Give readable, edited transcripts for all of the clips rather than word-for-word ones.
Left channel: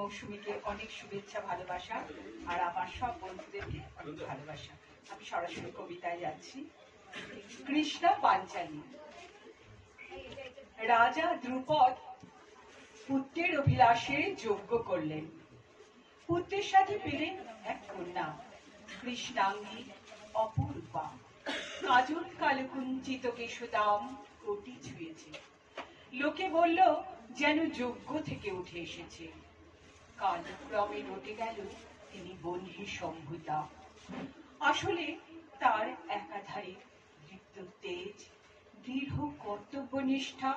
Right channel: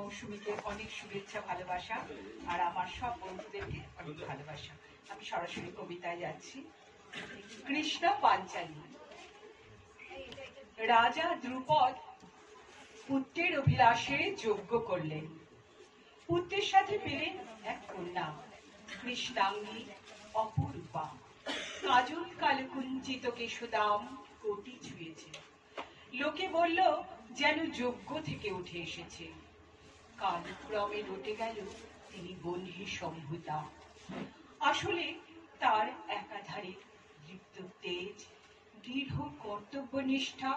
মৌসুমীকে অনেক শুভেচ্ছা ভালোবাসা আর আমার সব বন্ধুদেরকে অনেক ভালোবাসা। আমি সরাসরি কবিতায় যাচ্ছি। কৃষ্ণ পাঞ্চালী। রাজা দ্রুপদ পুত্রের অভিলাষে যজ্ঞ করলেন। পুত্রের সাথে পেলেন এক কন্যা, কৃষ্ণাঙ্গী অপরূপা। কাজল কালকুঞ্চিত কেশদাম কোটি ছুঁয়েছে। লোকে বলল যেন যজ্ঞ থেকে উঠে এসেছে। কালক্রমে রটে গেল তিনি বন্ধী সম্ভূতা। আসলে তার একাধারে দীপ্ত তেজ, দৃঢ় কর্তব্যনিষ্ঠা,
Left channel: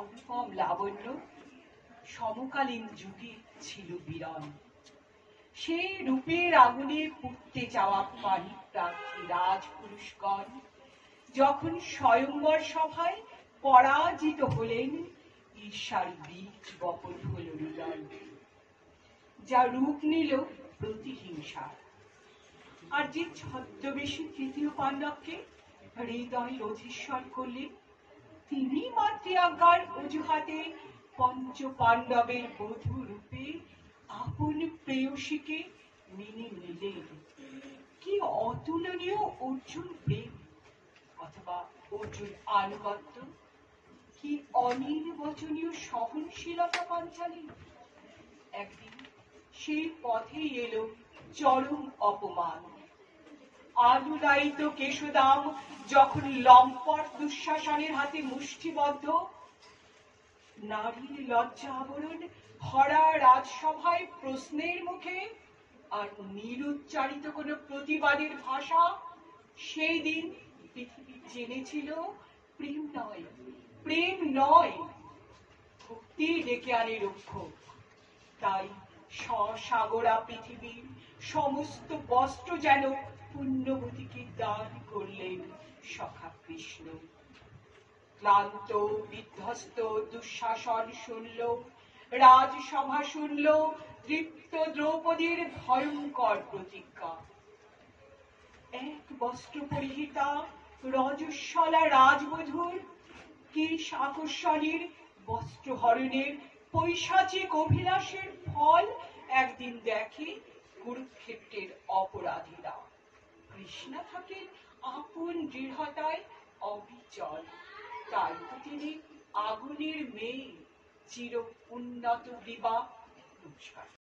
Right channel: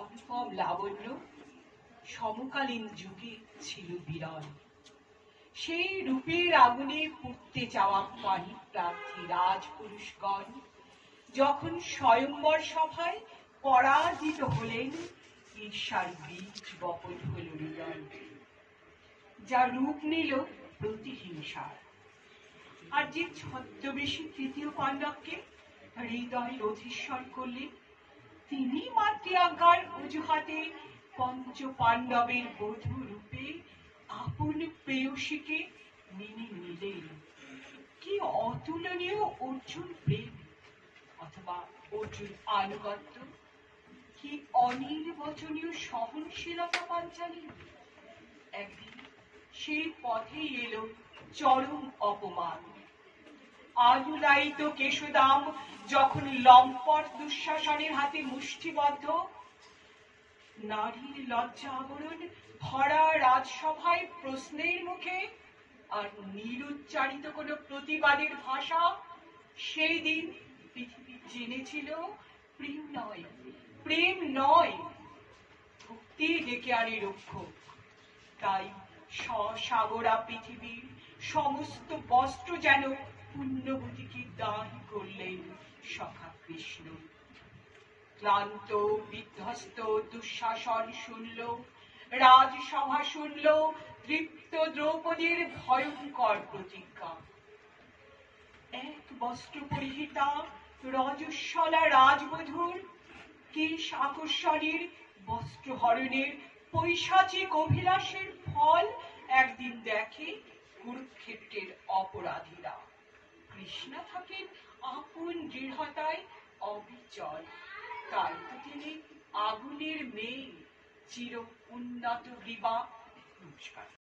অনুপম লাবণ্য সমকালীন যুগে ছিল বিরল। সেই রূপের আগুনে পুড়তে যাওয়া পানি প্রার্থী রাজপুরুষগণ যখন স্বয়ংবর সভায় পরাজিত হলেন, ঈর্ষার বীজ বপন হল হৃদয়, যা রূপ নিল প্রতিহিংসার। আর যে ছদ্মবেশী তৃতীয় পাণ্ডবকে হৃদয় অধীশ্বর করলেন, তিনি মাতৃ আজ্ঞার অজুহাতে পঞ্চ পাণ্ডবের বধূ রূপে আপন প্রেয়সীকে মেনে নিলেন। কি অতুলনীয় অর্জুন প্রেম অথবা অর্জুন আনুগত্য, কি অনির্বচনীয় সহনশীলতা পাঞ্চালী। একদিন সেই পথেই এলো চরম অপমান। আলুলায়িত কেশদাম যখন লম্পট দুঃশাসনের হাতে মুষ্টিবদ্ধ, নারীর লজ্জা আবরণ ভরা রাজসভায় প্রশ্নের মুখে আর নিরুচ্চারিত কোনো প্রতিবাদের ভাষা, সেই দিন পৃথিবী জেনেছিল প্রেম নয় ভক্তি ডেকে আনে রক্ষক। তাই সসাগরা পৃথিবীর সমস্ত বস্ত্র যেন পুণ্যবতীকে দান করলেন সখা কৃষ্ণ। ক্লান্ত বিধ্বস্ত দুঃশাসন শুনল, রাজসভা শুনল তৃপ্ত দ্রৌপদীর ভয়ঙ্কর প্রতিজ্ঞা। এক বস্ত্র পরিহিতা রজস্বলা রাজবধূর কিরিশ আকর্ষণের বস্ত্রহরণের পৈশাচিক অভিলাষের ফল একদিন দেখে কুরুক্ষেত্রের অপরাধীরা। কৃষ্ণা থাকেন আপন দৃঢ়তায় অবিচল। তাই তো তিনি আগুনের মেয়ে, চির উন্নত গ্রীবা। নমস্কার।